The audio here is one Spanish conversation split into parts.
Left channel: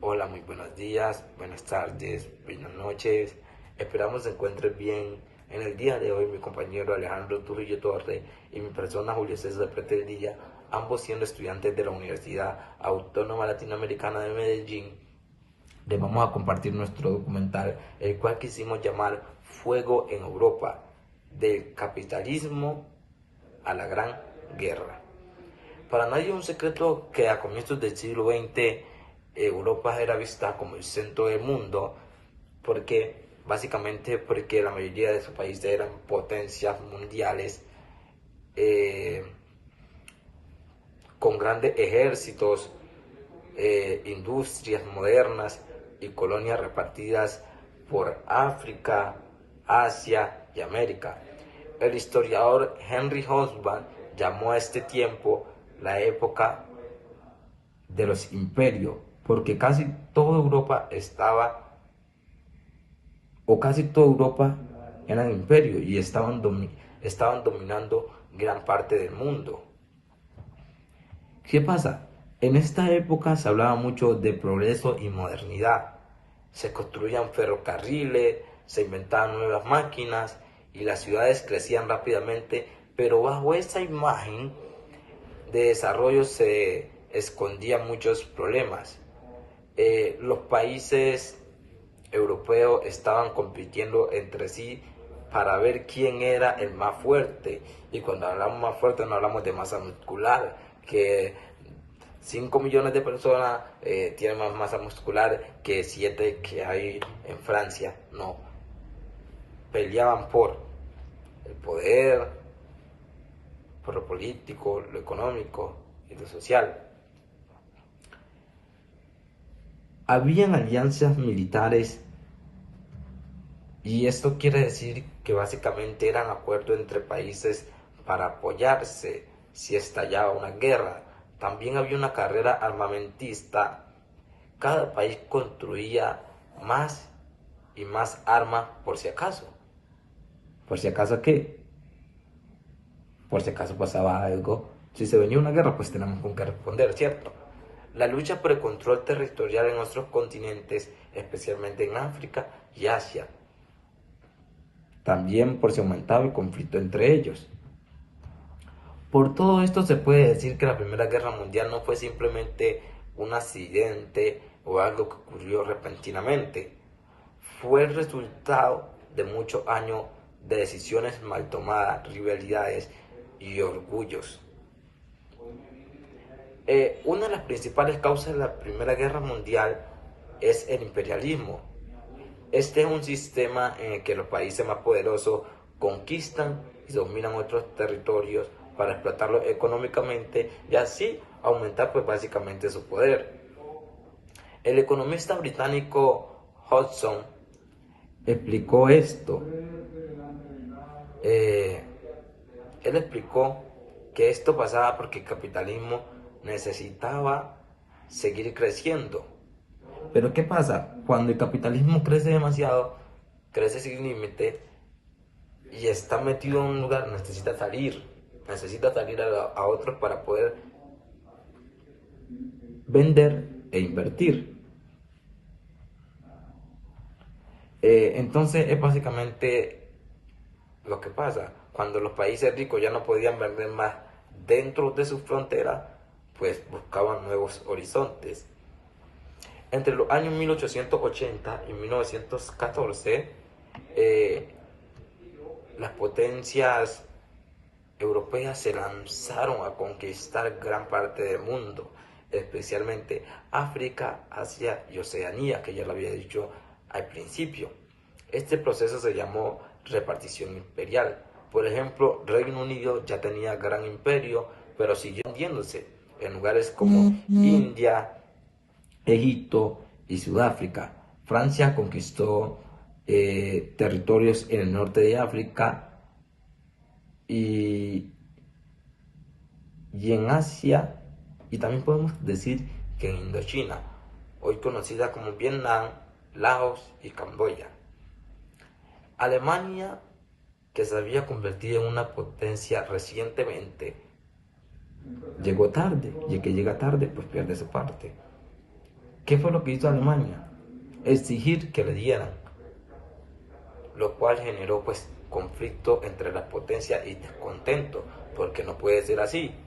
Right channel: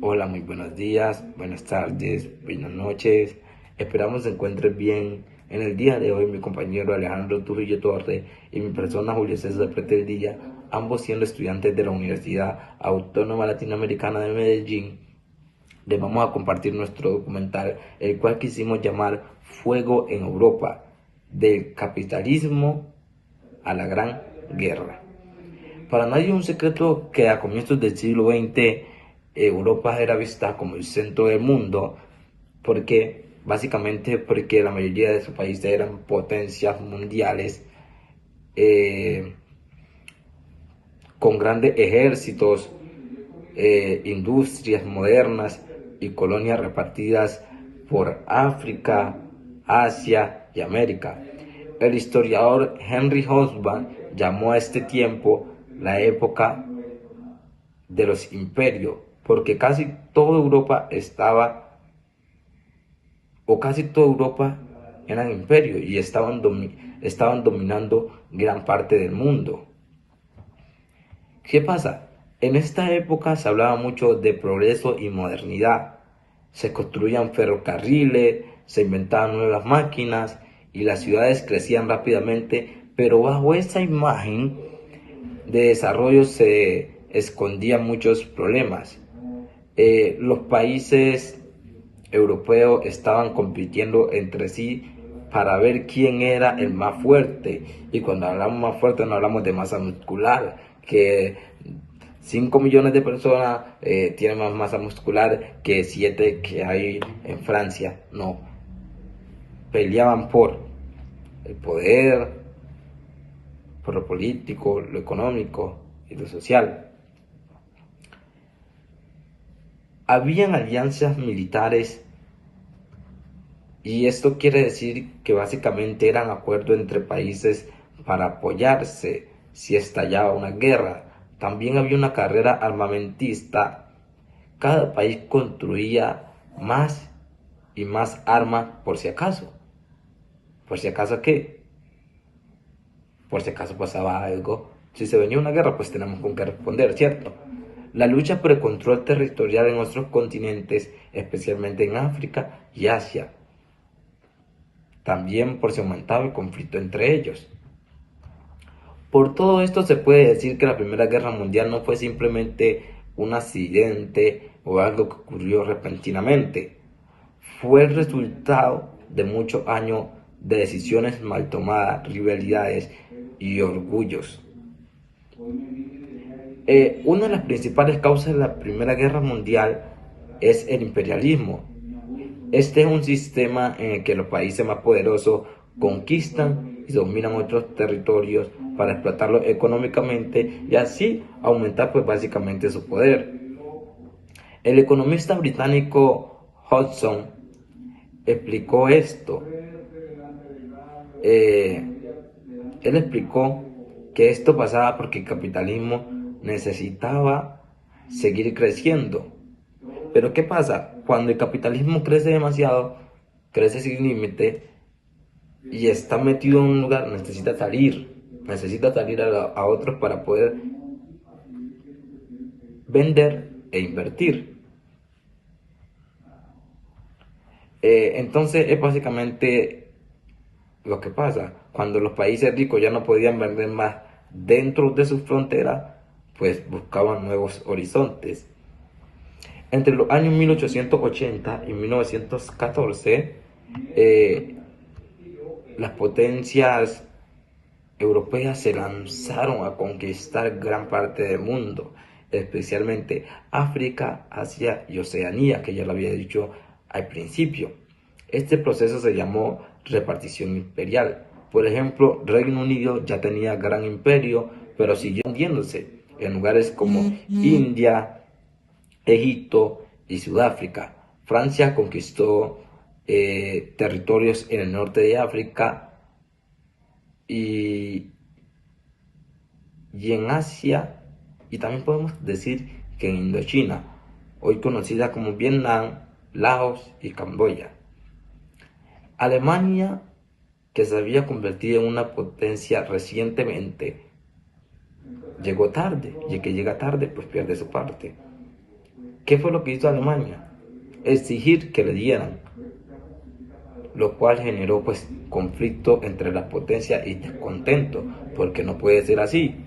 Hola, muy buenos días, buenas tardes, buenas noches. Esperamos se encuentres bien. En el día de hoy, mi compañero Alejandro Trujillo Torre y mi persona Julio César Pretendilla, ambos siendo estudiantes de la Universidad Autónoma Latinoamericana de Medellín, les vamos a compartir nuestro documental, el cual quisimos llamar Fuego en Europa, del capitalismo a la Gran Guerra. Para nadie es un secreto que a comienzos del siglo XX Europa era vista como el centro del mundo, porque la mayoría de sus países eran potencias mundiales eh, con grandes ejércitos, industrias modernas y colonias repartidas por África, Asia y América. El historiador Henry Hobsbawm llamó a este tiempo la época de los imperios, porque casi toda Europa eran imperios y estaban dominando gran parte del mundo. ¿Qué pasa? En esta época se hablaba mucho de progreso y modernidad. Se construían ferrocarriles, se inventaban nuevas máquinas y las ciudades crecían rápidamente, pero bajo esa imagen de desarrollo se escondían muchos problemas. Los países europeos estaban compitiendo entre sí para ver quién era el más fuerte. Y cuando hablamos más fuerte no hablamos de masa muscular, que 5 millones de personas tienen más masa muscular que 7 que hay en Francia. No, peleaban por el poder, por lo político, lo económico y lo social. Habían alianzas militares. Y esto quiere decir que básicamente eran acuerdos entre países para apoyarse si estallaba una guerra. También había una carrera armamentista. Cada país construía más y más armas por si acaso. ¿Por si acaso qué? Por si acaso pasaba algo. Si se venía una guerra, pues tenemos con qué responder, ¿cierto? La lucha por el control territorial en otros continentes, especialmente en África y Asia, también por si aumentaba el conflicto entre ellos. Por todo esto se puede decir que la Primera Guerra Mundial no fue simplemente un accidente o algo que ocurrió repentinamente. Fue el resultado de muchos años de decisiones mal tomadas, rivalidades y orgullos. Una de las principales causas de la Primera Guerra Mundial es el imperialismo. Este es un sistema en el que los países más poderosos conquistan y dominan otros territorios para explotarlos económicamente y así aumentar pues básicamente su poder. El economista británico Hodgson explicó esto. Eh, Él explicó que esto pasaba porque el capitalismo necesitaba seguir creciendo. Pero ¿qué pasa? Cuando el capitalismo crece demasiado, crece sin límite y está metido en un lugar, necesita salir a otros para poder vender e invertir. Entonces es básicamente lo que pasa. Cuando los países ricos ya no podían vender más dentro de sus fronteras, pues buscaban nuevos horizontes. Entre los años 1880 y 1914, eh, las potencias europeas se lanzaron a conquistar gran parte del mundo, especialmente África, Asia y Oceanía, que ya lo había dicho al principio. Este proceso se llamó repartición imperial. Por ejemplo, Reino Unido ya tenía gran imperio, pero siguió hundiéndose en lugares como India, Egipto y Sudáfrica. Francia conquistó territorios en el norte de África y, y en Asia, y también podemos decir que en Indochina, hoy conocida como Vietnam, Laos y Camboya. Alemania, que se había convertido en una potencia recientemente, llegó tarde, y el que llega tarde pues pierde su parte. ¿Qué fue lo que hizo Alemania? Exigir que le dieran, lo cual generó pues conflicto entre las potencias y descontento, porque no puede ser así,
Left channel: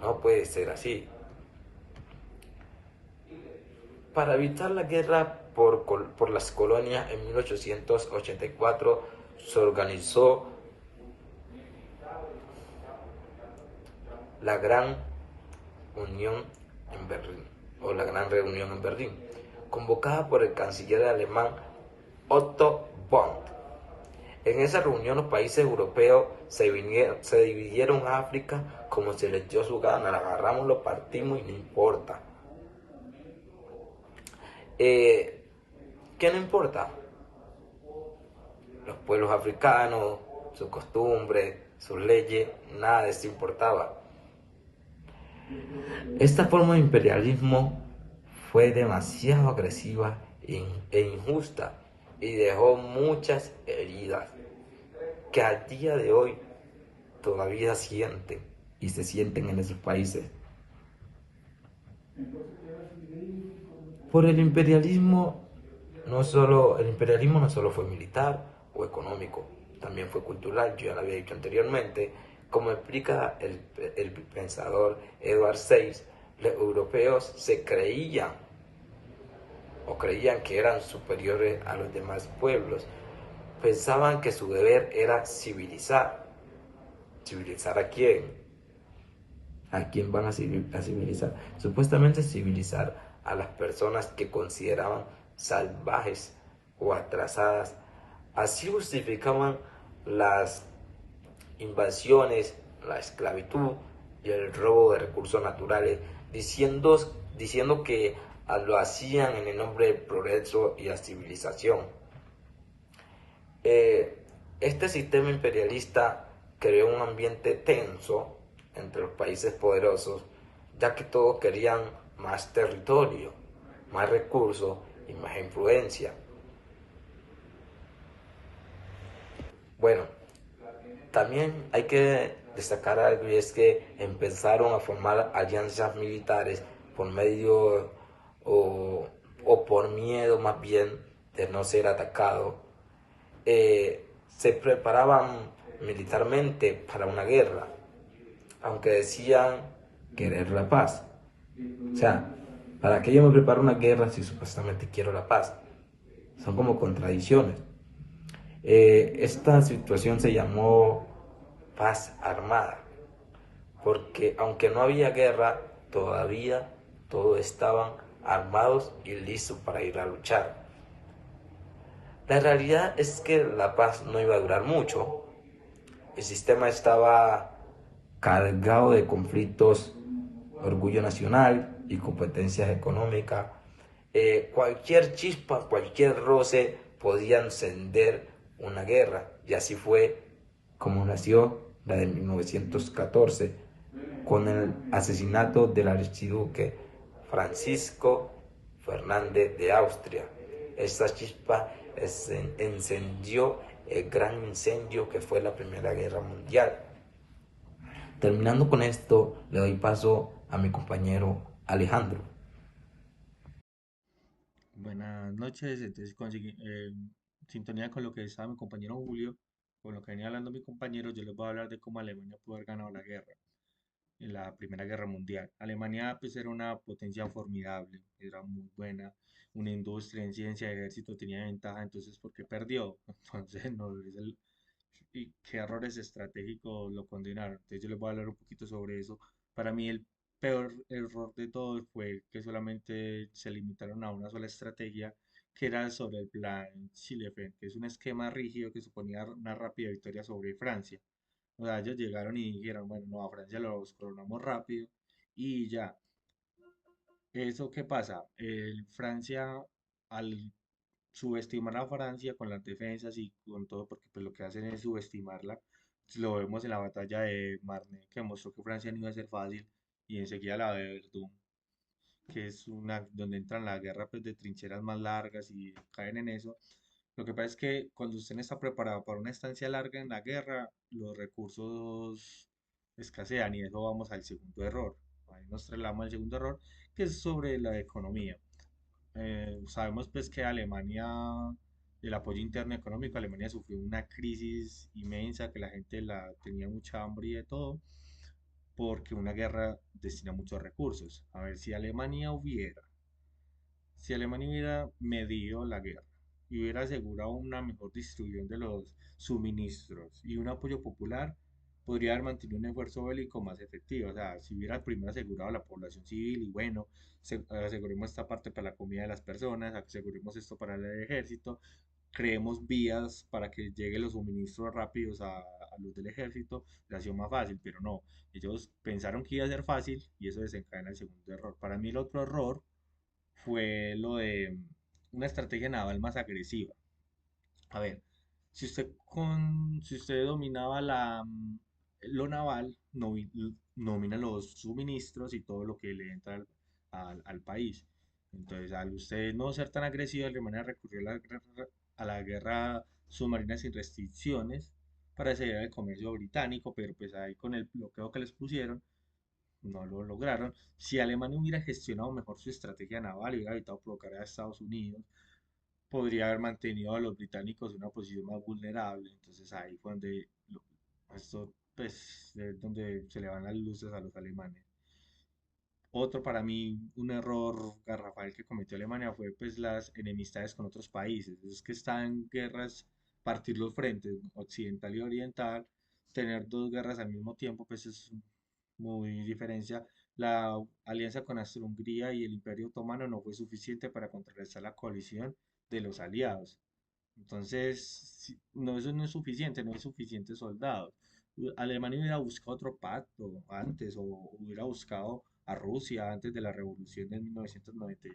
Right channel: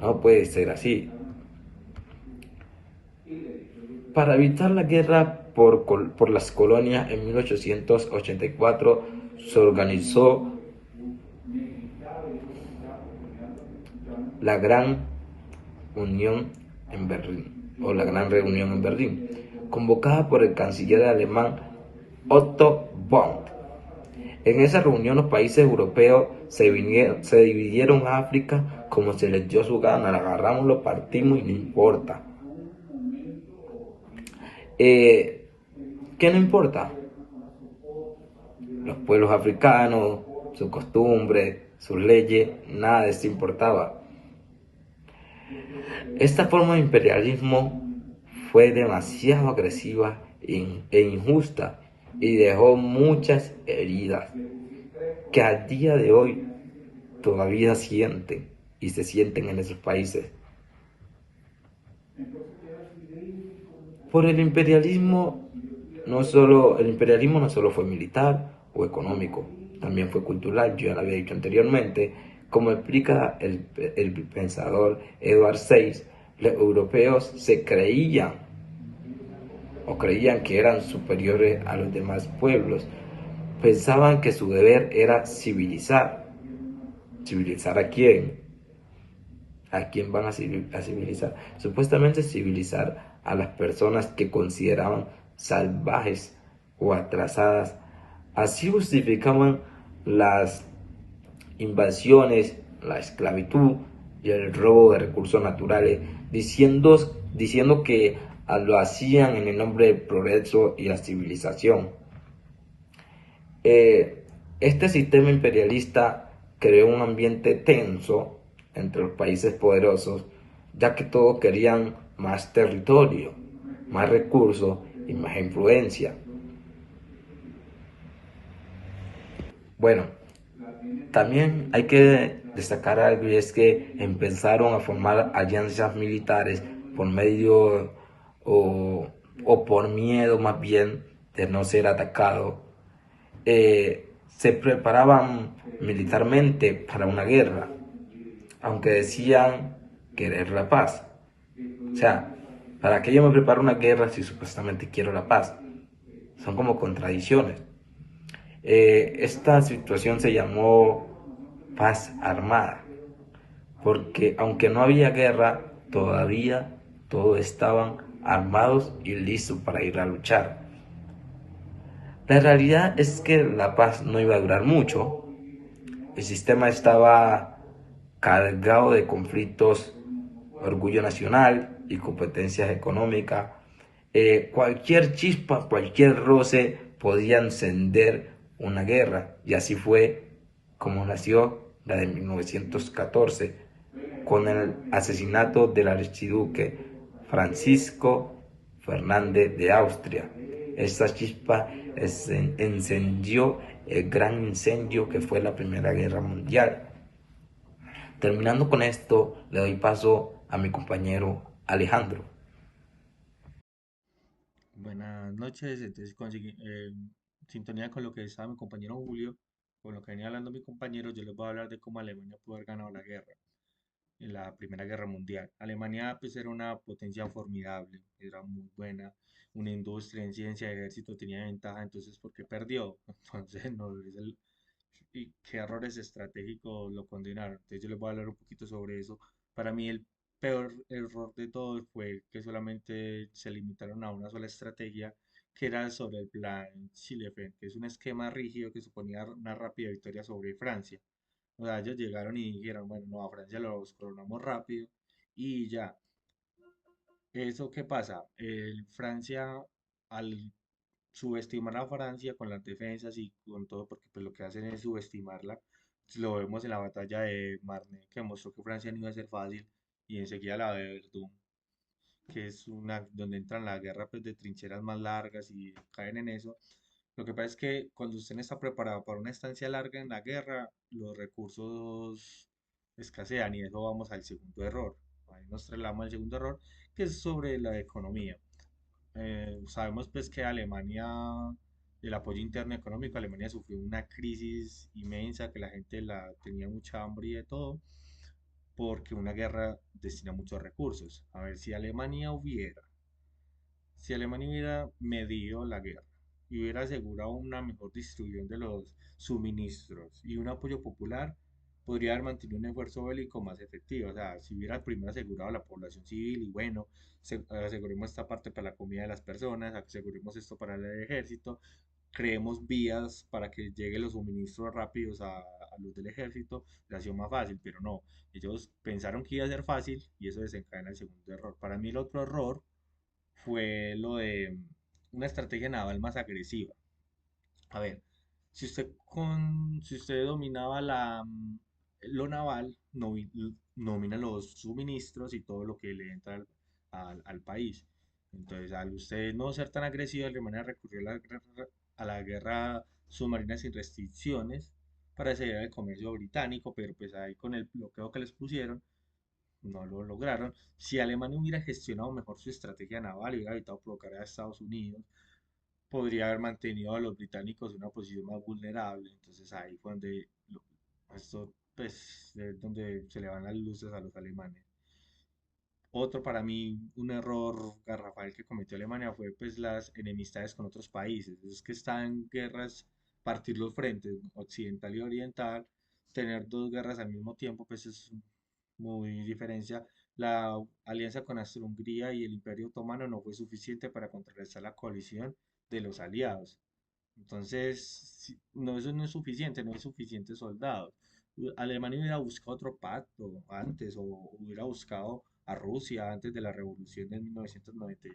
no puede ser así. Para evitar la guerra por las colonias en 1884 se organizó la Gran Unión en Berlín, o la Gran Reunión en Berlín, convocada por el canciller alemán Otto von. En esa reunión los países europeos se dividieron a África como se les dio su gana, la agarramos, lo partimos y no importa. ¿Qué no importa? Los pueblos africanos, sus costumbres, sus leyes, nada de eso importaba. Esta forma de imperialismo fue demasiado agresiva e injusta y dejó muchas heridas que a día de hoy todavía sienten y se sienten en esos países. Por el imperialismo no solo fue militar o económico, también fue cultural, yo ya lo había dicho anteriormente, como explica el pensador Edward Said, los europeos se creían que eran superiores a los demás pueblos, pensaban que su deber era civilizar. ¿Civilizar a quién? ¿A quién van a civilizar? Supuestamente civilizar a las personas que consideraban salvajes o atrasadas. Así justificaban las invasiones, la esclavitud y el robo de recursos naturales, diciendo que lo hacían en el nombre del progreso y la civilización. Eh, este sistema imperialista creó un ambiente tenso entre los países poderosos, ya que todos querían más territorio, más recursos y más influencia. Bueno, también hay que destacar algo y es que empezaron a formar alianzas militares por medio o, o por miedo más bien de no ser atacado. Se preparaban militarmente para una guerra, aunque decían querer la paz. O sea, ¿para qué yo me preparo una guerra si supuestamente quiero la paz? Son como contradicciones. Esta situación se llamó paz armada, porque aunque no había guerra, todavía todos estaban armados y listos para ir a luchar. La realidad es que la paz no iba a durar mucho. El sistema estaba cargado de conflictos, orgullo nacional y competencias económicas. Cualquier chispa, cualquier roce podía encender una guerra, y así fue como nació la de 1914 con el asesinato del archiduque Francisco Fernández de Austria. Esta chispa encendió el gran incendio que fue la Primera Guerra Mundial. Terminando con esto, le doy paso a mi compañero Alejandro. Buenas noches, entonces sintonía con lo que estaba mi compañero Julio, con lo que venía hablando mi compañero, yo les voy a hablar de cómo Alemania pudo haber ganado la guerra, en la Primera Guerra Mundial. Alemania pues era una potencia formidable, era muy buena, una industria en ciencia, ejército tenía ventaja, entonces ¿por qué perdió? Entonces no, y qué errores estratégicos lo condenaron. Entonces yo les voy a hablar un poquito sobre eso. Para mí el peor error de todo fue que solamente se limitaron a una sola estrategia, que era sobre el plan Schlieffen, que es un esquema rígido que suponía una rápida victoria sobre Francia. O sea, ellos llegaron y dijeron, bueno, no, a Francia los coronamos rápido y ya. ¿Eso qué pasa? Francia, al subestimar a Francia con las defensas y con todo, porque pues lo que hacen es subestimarla. Lo vemos en la batalla de Marne, que mostró que Francia no iba a ser fácil, y enseguida la de Verdún, que es una donde entran la guerra pues, de trincheras más largas y caen en eso. Lo que pasa es que cuando usted no está preparado para una estancia larga en la guerra, los recursos escasean y eso vamos al segundo error. Ahí nos trasladamos al segundo error, que es sobre la economía. Sabemos pues que Alemania, el apoyo interno económico, Alemania sufrió una crisis inmensa, que la gente la tenía mucha hambre y de todo, porque una guerra destina muchos recursos. A ver, si Alemania hubiera medido la guerra y hubiera asegurado una mejor distribución de los suministros y un apoyo popular, podría haber mantenido un esfuerzo bélico más efectivo. O sea, si hubiera primero asegurado a la población civil y bueno, aseguremos esta parte para la comida de las personas, aseguremos esto para el ejército, creemos vías para que lleguen los suministros rápidos a los del ejército, le ha sido más fácil, pero no. Ellos pensaron que iba a ser fácil y eso desencadena el segundo error. Para mí el otro error fue lo de una estrategia naval más agresiva. A ver, si usted dominaba lo naval, domina los suministros y todo lo que le entra al país. Entonces, al usted no ser tan agresivo, Alemania recurrió a la guerra submarina sin restricciones para acelerar el comercio británico, pero pues ahí con el bloqueo que les pusieron, no lo lograron. Si Alemania hubiera gestionado mejor su estrategia naval y hubiera evitado provocar a Estados Unidos, podría haber mantenido a los británicos en una posición más vulnerable. Entonces ahí fue donde esto pues es donde se le van las luces a los alemanes. Otro para mí, un error garrafal que cometió Alemania fue pues las enemistades con otros países. Es que están en guerras, partir los frentes occidental y oriental, tener dos guerras al mismo tiempo, pues es muy diferencia. La alianza con Austria-Hungría y el Imperio Otomano no fue suficiente para contrarrestar la coalición de los aliados. Entonces, no, eso no es suficiente, no hay suficientes soldados. Alemania hubiera buscado otro pacto antes o hubiera buscado a Rusia antes de la revolución de 1990,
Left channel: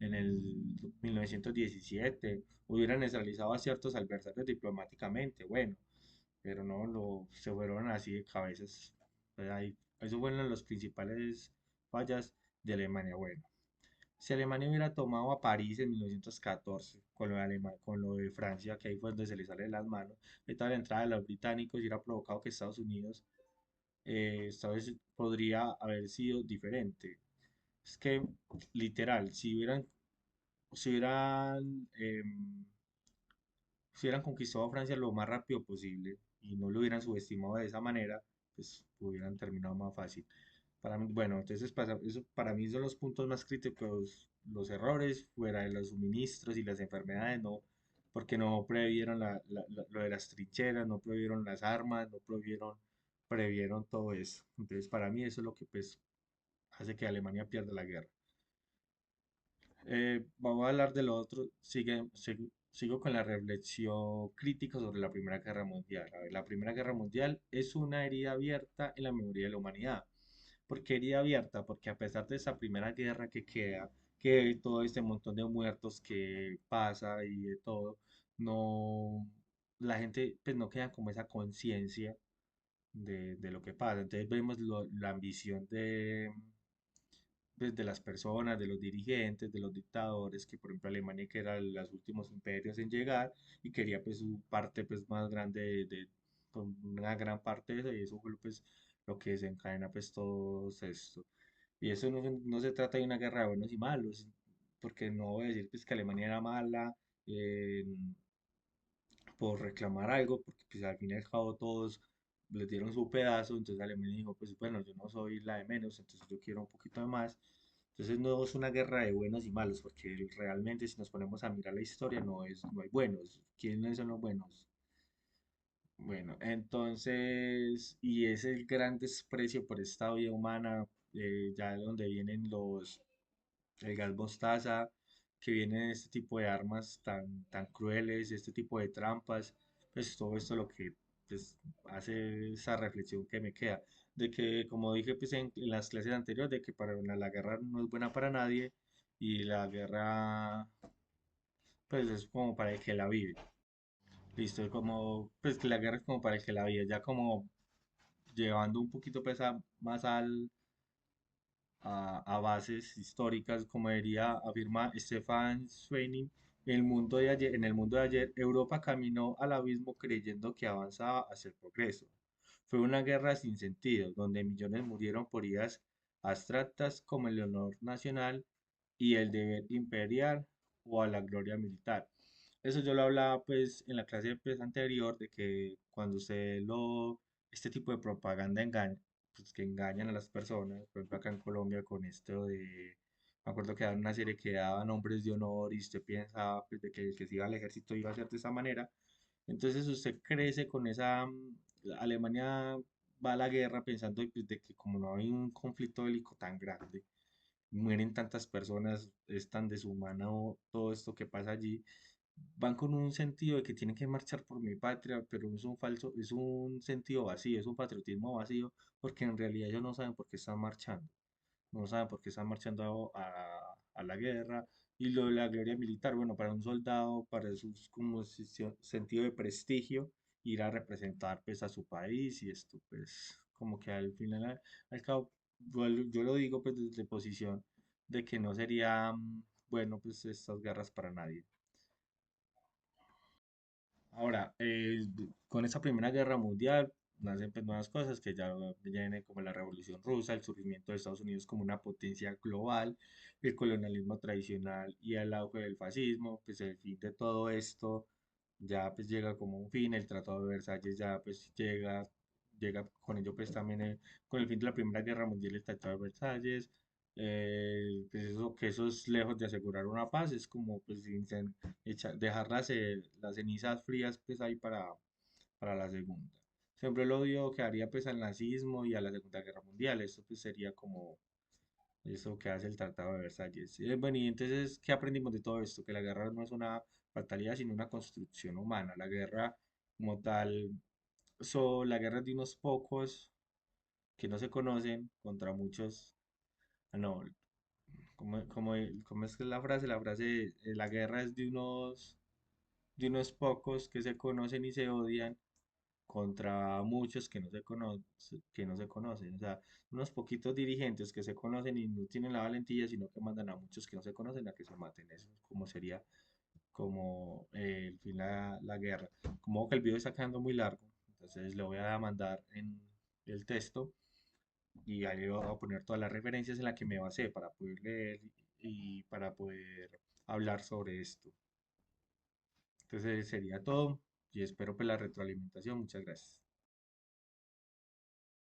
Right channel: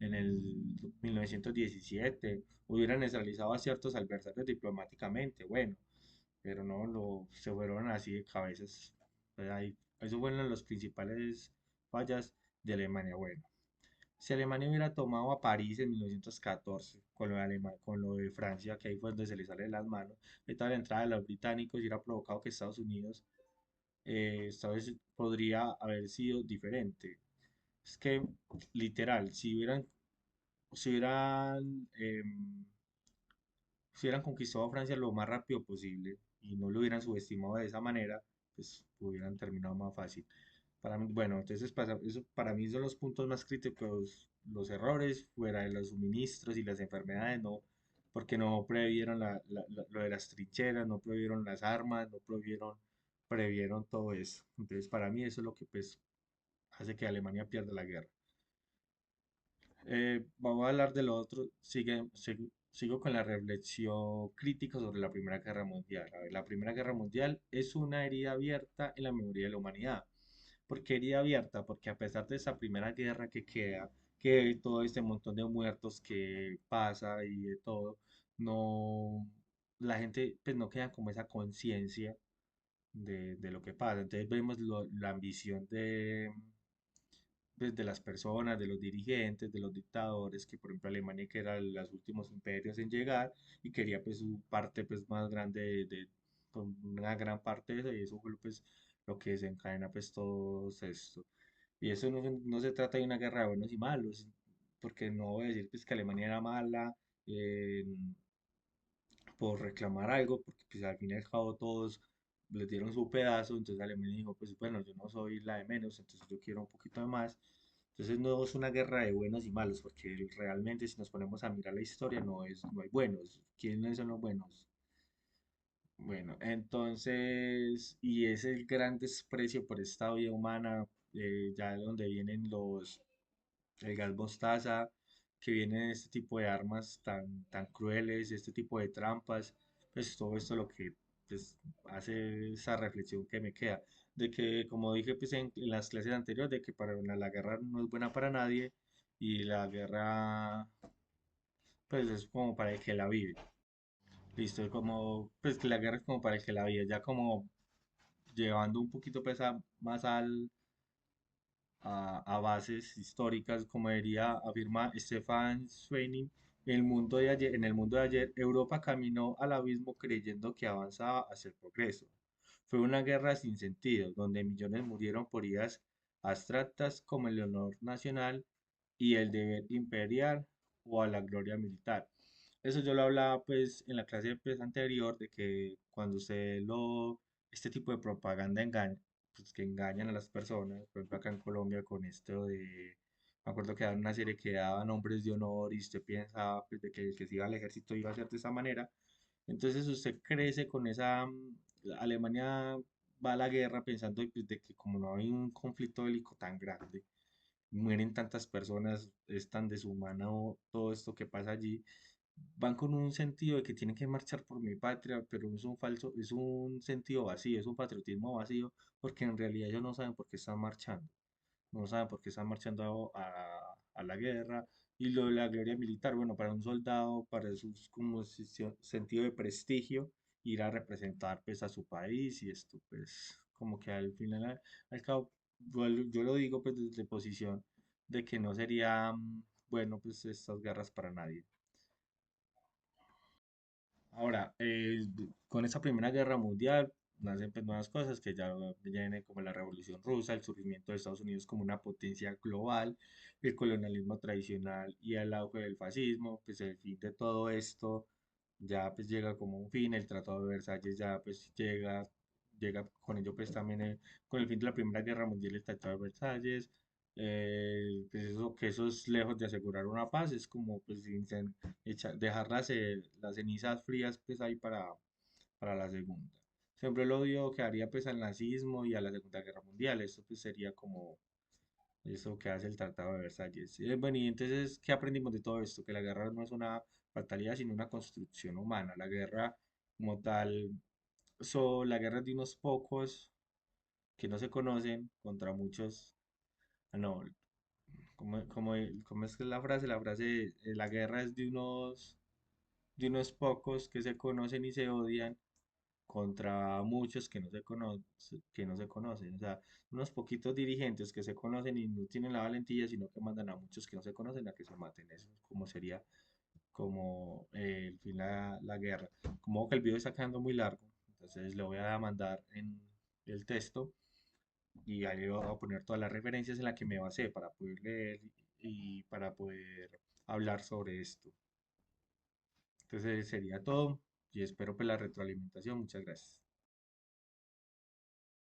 en el 1917, hubieran neutralizado a ciertos adversarios diplomáticamente, bueno, pero no, se fueron así de cabezas. Pues ahí, esos fueron los principales fallas de Alemania. Bueno, si Alemania hubiera tomado a París en 1914, con lo de, con lo de Francia, que ahí fue donde se le sale de las manos, toda la entrada de los británicos y hubiera provocado que Estados Unidos esta vez podría haber sido diferente. Es que, literal, si hubieran conquistado a Francia lo más rápido posible y no lo hubieran subestimado de esa manera, pues hubieran terminado más fácil. Para mí, bueno, entonces eso para mí son los puntos más críticos, los errores fuera de los suministros y las enfermedades, no, porque no previeron lo de las trincheras, no previeron las armas, no previeron todo eso. Entonces, para mí eso es lo que pues hace que Alemania pierda la guerra. Vamos a hablar de lo otro. Sigo con la reflexión crítica sobre la Primera Guerra Mundial. A ver, la Primera Guerra Mundial es una herida abierta en la memoria de la humanidad. ¿Por qué herida abierta? Porque a pesar de esa primera guerra que queda, que todo este montón de muertos que pasa y de todo, no, la gente pues no queda como esa conciencia de lo que pasa. Entonces vemos la ambición pues, de las personas, de los dirigentes, de los dictadores, que por ejemplo Alemania que era los últimos imperios en llegar y quería pues su parte pues más grande con una gran parte de eso y eso fue pues lo que desencadena pues todo esto. Y eso no se trata de una guerra de buenos y malos, porque no voy a decir pues que Alemania era mala eh, por reclamar algo, porque pues al fin y al cabo todos les dieron su pedazo, entonces Alemania dijo pues bueno, yo no soy la de menos, entonces yo quiero un poquito de más. Entonces no es una guerra de buenos y malos, porque realmente si nos ponemos a mirar la historia no hay buenos. ¿Quiénes son los buenos? Bueno, entonces, y es el gran desprecio por esta vida humana, ya de donde vienen el gas mostaza, que vienen este tipo de armas tan crueles, este tipo de trampas, pues todo esto lo que pues, hace esa reflexión que me queda, de que como dije pues en las clases anteriores, de que para la guerra no es buena para nadie y la guerra pues es como para el que la vive. Listo, es como, pues que la guerra es como para el que la vive, ya como llevando un poquito pues más a bases históricas, como diría, afirma Stefan Zweig, en el mundo de ayer, Europa caminó al abismo creyendo que avanzaba hacia el progreso. Fue una guerra sin sentido, donde millones murieron por ideas abstractas como el honor nacional y el deber imperial o a la gloria militar. Eso yo lo hablaba pues en la clase pues, anterior de que cuando este tipo de propaganda engaña, pues que engañan a las personas, por ejemplo acá en Colombia con esto me acuerdo que daban una serie que daba nombres de honor y usted pensaba pues, de que el que se iba al ejército iba a ser de esa manera, entonces usted crece con Alemania va a la guerra pensando pues, de que como no hay un conflicto bélico tan grande, mueren tantas personas, es tan deshumano todo esto que pasa allí, van con un sentido de que tienen que marchar por mi patria, pero es un falso, es un sentido vacío, es un patriotismo vacío, porque en realidad ellos no saben por qué están marchando, no saben por qué están marchando a la guerra. Y lo de la gloria militar, bueno, para un soldado, para su como sentido de prestigio, ir a representar pues a su país y esto pues como que al final, al cabo, yo lo digo pues desde posición de que no sería bueno pues estas guerras para nadie. Ahora, con esta Primera Guerra Mundial nacen pues, nuevas cosas que ya viene como la Revolución Rusa, el surgimiento de Estados Unidos como una potencia global, el colonialismo tradicional y el auge del fascismo, pues el fin de todo esto ya pues llega como un fin, el Tratado de Versalles ya pues llega con ello pues también con el fin de la Primera Guerra Mundial el Tratado de Versalles, pues eso, que eso es lejos de asegurar una paz, es como pues dejar las cenizas frías pues ahí para la segunda. Siempre el odio que haría pues al nazismo y a la Segunda Guerra Mundial, eso pues sería como eso que hace el Tratado de Versalles. Bueno, y entonces, ¿qué aprendimos de todo esto? Que la guerra no es una fatalidad, sino una construcción humana. La guerra como tal, la guerra es de unos pocos que no se conocen contra muchos. No, ¿cómo es que es la frase? La frase, la guerra es de unos pocos que se conocen y se odian contra muchos que no se conocen. O sea, unos poquitos dirigentes que se conocen y no tienen la valentía, sino que mandan a muchos que no se conocen a que se maten. Eso es como sería como el fin la guerra. Como que el video está quedando muy largo, entonces le voy a mandar en el texto y ahí le voy a poner todas las referencias en las que me basé para poder leer y para poder hablar sobre esto. Entonces sería todo y espero pues la retroalimentación. Muchas gracias.